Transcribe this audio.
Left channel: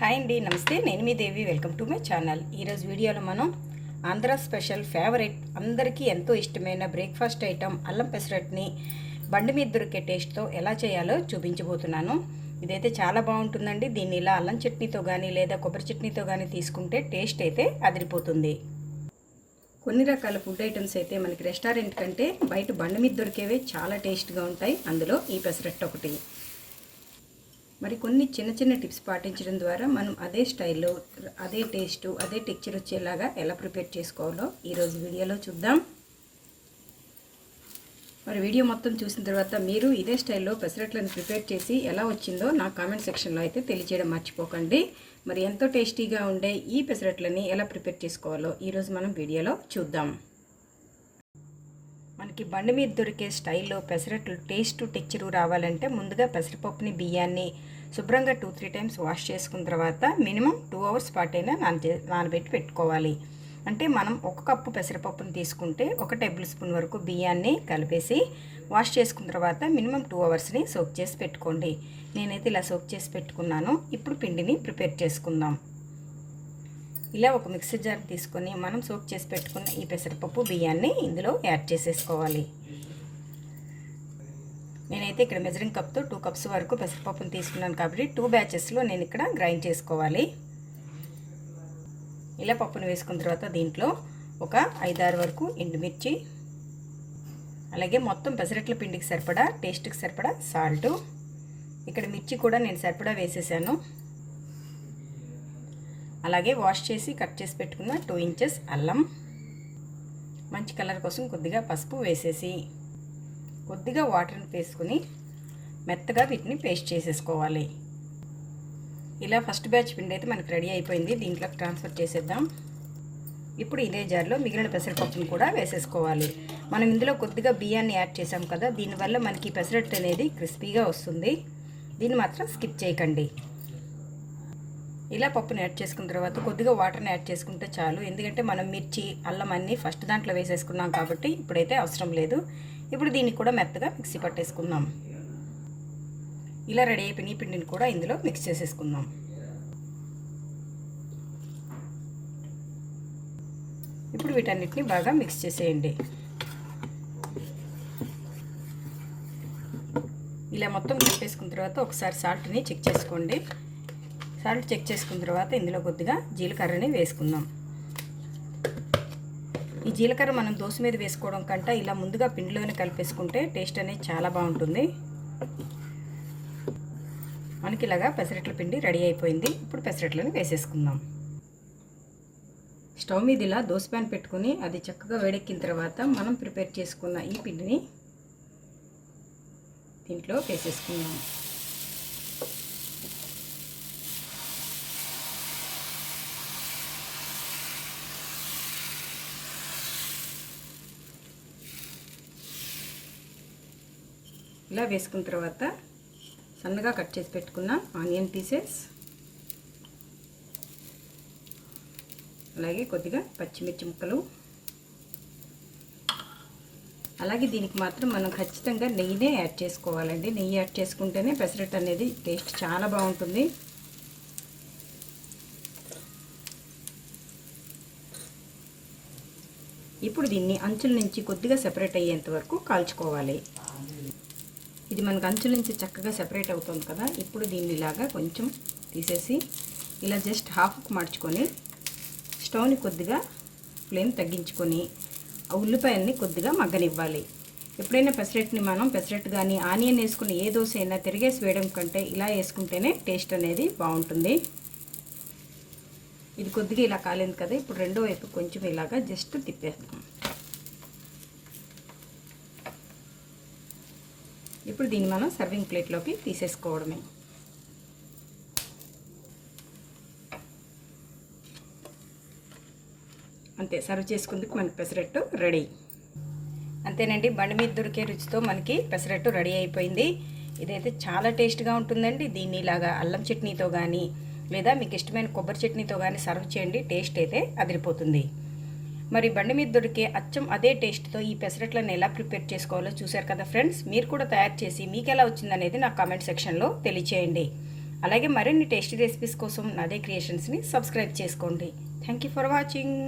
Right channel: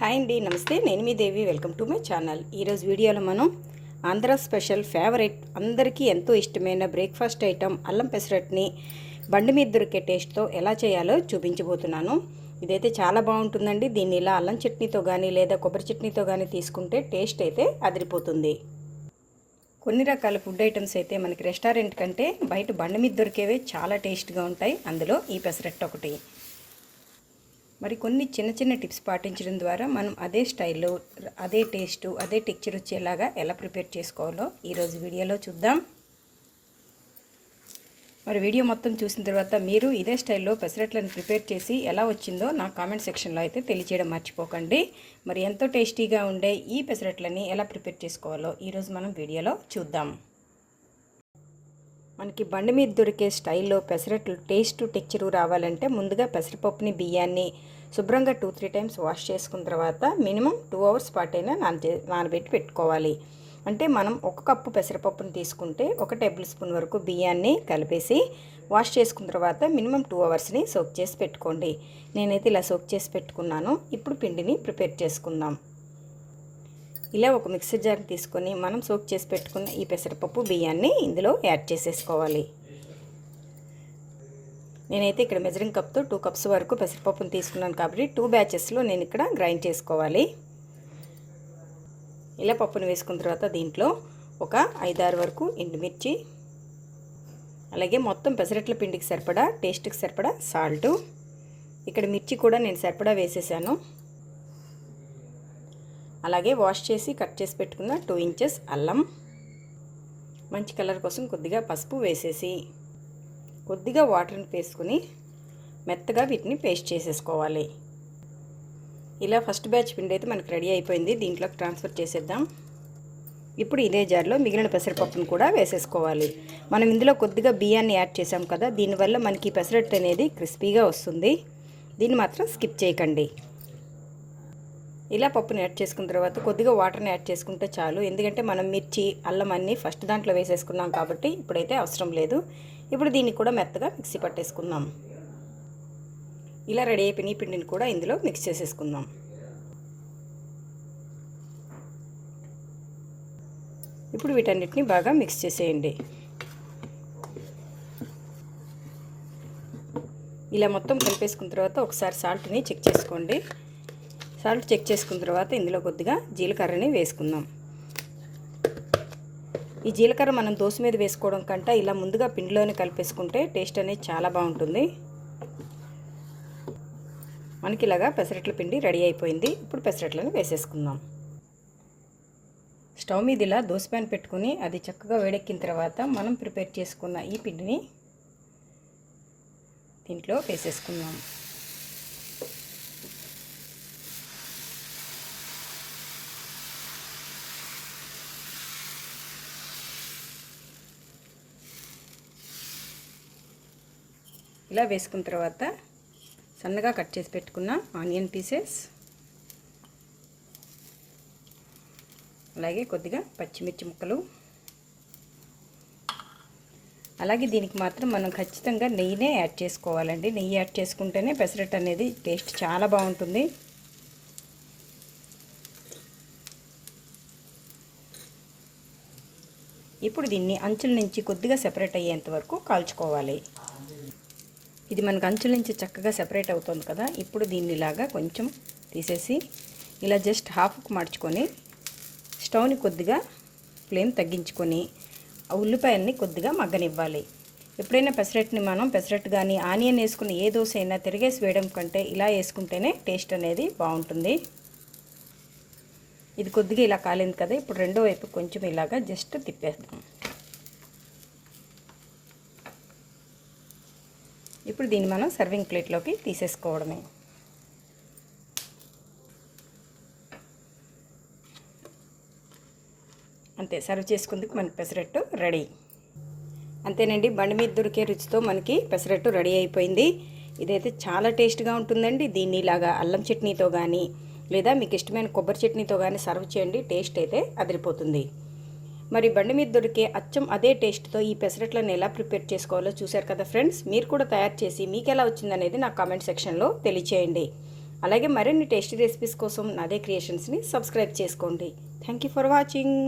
Hi అండి నమస్తే. నేను మీ Devi. Welcome to my channel. ఈరోజు వీడియోలో మనం ఆంధ్ర స్పెషల్ ఫేవరెట్ అందరికీ ఎంతో ఇష్టమైన బ్రేక్ఫాస్ట్ ఐటమ్ అల్లం పెసరట్ని బండి మీద దొరికే టేస్ట్తో ఎలా చేయాలో చూపించబోతున్నాను. ఇదైతే చాలా బాగుంటుందండి. దీన్ని ఇలా అల్లం చట్నీతో కానీ లేదా కొబ్బరి చట్నీతో కానీ తీసుకుంటే టేస్ట్ అయితే అదిరిపోతుంది. కొన్ని రకాల ఫుడ్ ఐటమ్స్ అయితే మనకి రెస్టారెంట్ కంటే బయట బండి మీద దొరికేవే చాలా టేస్ట్గా ఉంటాయి. అందులో ఈ పెసరట్టు ఒకటి మరి కొన్ని చిన్న చిన్న టిప్స్ పాటించడం ద్వారా మనం అదే స్టైల్లో అదే టేస్ట్ అదే టెక్చర్ వచ్చేలాగా ఎలా ప్రిపేర్ చేసుకోవాలో ఈరోజు వీడియోలో చూద్దాం. మరి వీడియో మొత్తం చూసిన తర్వాత మీరు ఇదే స్టైల్లో పెసరట్లను ప్రిపేర్ చేసి ఎలా వచ్చిందో నా కామెంట్ సెక్షన్లో అయితే తెలియచేయడం మర్చిపోకండి. మరి ఎంతో టేస్టీగా ఉండే ఈ పెసరట్లని ఎలా ప్రిపేర్ చేసుకోవాలో ఈరోజు మనం వీడియోలో చూద్దాం. మనకి బండి మీద దొరికే స్టైల్లో పెసరట్లు టేస్ట్ టెక్చరు రావాలంటే ముందుగా పెసరపప్పుని బియ్యాన్ని శుభ్రంగా టూ త్రీ టైమ్స్ వాష్ చేసుకున్న తర్వాత మినిమం టూ అవర్స్ పాటైనా నాన నానబెట్టి పెట్టుకోవాలి. అంటే మనం ఒక కప్పు పెసరపప్పుని తీసుకుంటే ఒక టేబుల్ స్పూన్ వరకు బియ్యాన్ని కలిపేసి వాష్ చేసుకున్న తర్వాత మినిమం టూ అవర్స్ని సోక్ చేసి పెట్టుకోండి. నేనైతే ఇలా సోక్ చేసి పెట్టుకున్నాను. ఇప్పుడు పిండిని ప్రిపేర్ చేసుకుందాం. ఇలా ఒక మిక్సర్ జార్ తీసుకొని మనం సోక్ చేసి పెట్టుకున్న ఈ పెసరపప్పు బియ్యాన్ని ఇందులో యాడ్ చేసేసుకోవాలి. నేనైతే ఇక్కడ మెజరింగ్ కప్తో టూ కప్స్ వరకు పెసరపప్పును తీసుకున్నాను కాబట్టి టూ బ్యాచెస్లో నేను ఇక్కడ గ్రైండ్ చేసుకోవాలి. ఇలా పప్పును వేసుకున్న తర్వాత దీంట్లో ఒక ఐదారు వరకు ఎండుమిర్చి అలాగే మొత్తం పెసరట్ల పిండికి సరిపడా టేస్ట్కి సరిపడా సాల్టు. ఇక్కడ మిర్చి కూడా నేను సరిపడా వేసేసాను. అలాగే వాష్ చేసి కట్ చేసి పెట్టుకున్న టూ ఇంచెస్ అల్లం. మంచి కలర్ కోసం కొద్దిగా పసుపు వేసేసి కొద్దిగా వాటర్ని వేసుకుని మెత్తగా వీటిని పేస్ట్ చేసేసుకోవాలి. ఇలా ఫస్ట్ బ్యాచ్ పిండి అయితే మనకు రెడీ అయిపోయింది. దీంట్లోకి ట్రాన్స్ఫర్ చేసేద్దాం. ఇప్పుడు ఇదే జార్లో మిగిలిన పెసరపప్పును కూడా వేసేసుకోవాలి. మనం ఇందులో కొద్దిగా బియ్యాన్ని యాడ్ చేసాం కదా దీనివల్ల మనకి పెసరట్టు అనేది క్రిస్పీగా వస్తుంది. దీన్ని మాత్రం స్కిప్ చేయకండి. ఇలా పప్పుని యాడ్ చేసుకున్న తర్వాత కొద్దిగా వాటర్ని యాడ్ చేసుకుంటే చాలు. ఎందుకంటే మనం మిర్చి అల్లం అన్నీ ఫస్ట్ దాంట్లో వేసేసుకున్నాం కాబట్టి ఇప్పుడైతే అవసరం లేదు. ఇప్పుడు దీన్ని కూడా మెత్తగా మిక్సీ పట్టేసుకుందాం. ఇలా రెడీ అయిపోయిన పిండిని కూడా ఇందులో మిక్స్ చేసేసుకుందాం. ఇప్పుడు వీటన్నిటిని బాగా మిక్స్ చేసేయండి. ఇలా మొత్తం కలిపేసుకున్న తర్వాత ఒకసారి సాల్ట్ని చెక్ చేసుకోండి. సాల్ట్ చెక్ చేసుకున్న తర్వాత ఇందులో కొద్దిగా జీలకర్రని వేసుకుందాం. ఈ జీలకర్ర మనం దోశ మీద వేసుకోవడం కంటే ఇలా ముందుగా పిండిలోనే కలిపేసుకుంటే టేస్ట్ అనేది చాలా బాగుంటుంది. మనకి ఇలాగా పెసరట్ల పిండి రెడీ అయిపోయింది. ఇప్పుడు పెసరట్లను వేసేసుకుందాం. స్టవ్ మీద ఇలా దోశ ప్యాన్ పెట్టుకుని అది చక్కగా వేడెక్కిన తర్వాత మనం ప్రిపేర్ చేసుకున్న ఈ పిండిని దీంట్లో వేసేసుకుందాం. ఇలా వేసుకున్న తర్వాత సన్నగా కట్ చేసి పెట్టుకున్న ఆనియన్ పీసెస్ అలాగే కొద్దిగా పచ్చిమిర్చి ముక్కలు. అలాగే దీనికి మాత్రం మనం ఖచ్చితంగా నెయ్యినే యాడ్ చేసుకోవాలండి. నెయ్యి యాడ్ చేసుకుంటేనే పెసరట్ అనేది టేస్ట్ చాలా బాగుంటుంది. ఇప్పుడు దీన్ని అంచుల నుంచి కొద్దిగా సెపరేట్ అయ్యేంత వరకు కాల్చుకోవాలి. ఇది మనకు అంచుల నుంచి చక్కగా సెపరేట్ అవుతుంది కదా. ఇప్పుడు దీన్ని ఇలాగా కొంచెం తీసేసి ఇలా జస్ట్ హాఫ్కి మార్చుకొని స్టవ్ని కొద్దిగా ఫ్లేమ్ తగ్గించుకొని ఆ ఉల్లిపాయల్ని కొద్దిగా మగ్గనివ్వాలి. ఎప్పుడైనా పెసరట్ని మనం పెసరెట్ కానీ ఆనియన్ వేసుకుని ఏ దోశ అయినా తిరిగేసి వేయడం కంటే ఇలా వేసుకుంటేనే టేస్ట్ అనేది బాగుంటుంది. ఇది కొద్దిగా ఇలా కాలేదు కదా ఇప్పుడు రెండో వైపు కొంచెం ఇలాగా జస్ట్ తిప్పేస్తాం ఇప్పుడు దీన్ని మనం సర్వింగ్ ప్లేట్లోకి తీసేసుకోవడమే. అంతే సర్వ్ చేసుకుందుకు మనకి పెసరట్టు రెడీ అంతేనండి బండి మీద దొరికే రుచితో మనకి పెసరట్టు రెడీ అయిపోయింది. ఇదైతే చాలా టేస్ట్గా ఉంటుందండి. దీన్ని ఇలాగా అల్లం చట్నీతో కానీ లేదా మీకు ఇష్టమైన కొబ్బరి చట్నీతో కానీ సర్వ్ చేయండి టేస్ట్ అయితే అదిరిపోతుంది. మరి బండి మీద దొరికే అచ్చం అదే టేస్ట్తో ఈ పెసరట్లను ఎలా ప్రిపేర్ చేసుకోవాలో చూశారు కదా ఫ్రెండ్స్? మీరు కూడా తయారు చేసి మీకు ఎలా వచ్చిందనేది నా కామెంట్ సెక్షన్లో తెలియచేయండి. అలాగే మరిన్ని టేస్టీ రెసిపీస్ కోసం నాదే క్రియేషన్స్ని సబ్స్క్రైబ్ చేసుకోండి. Thank you for watching.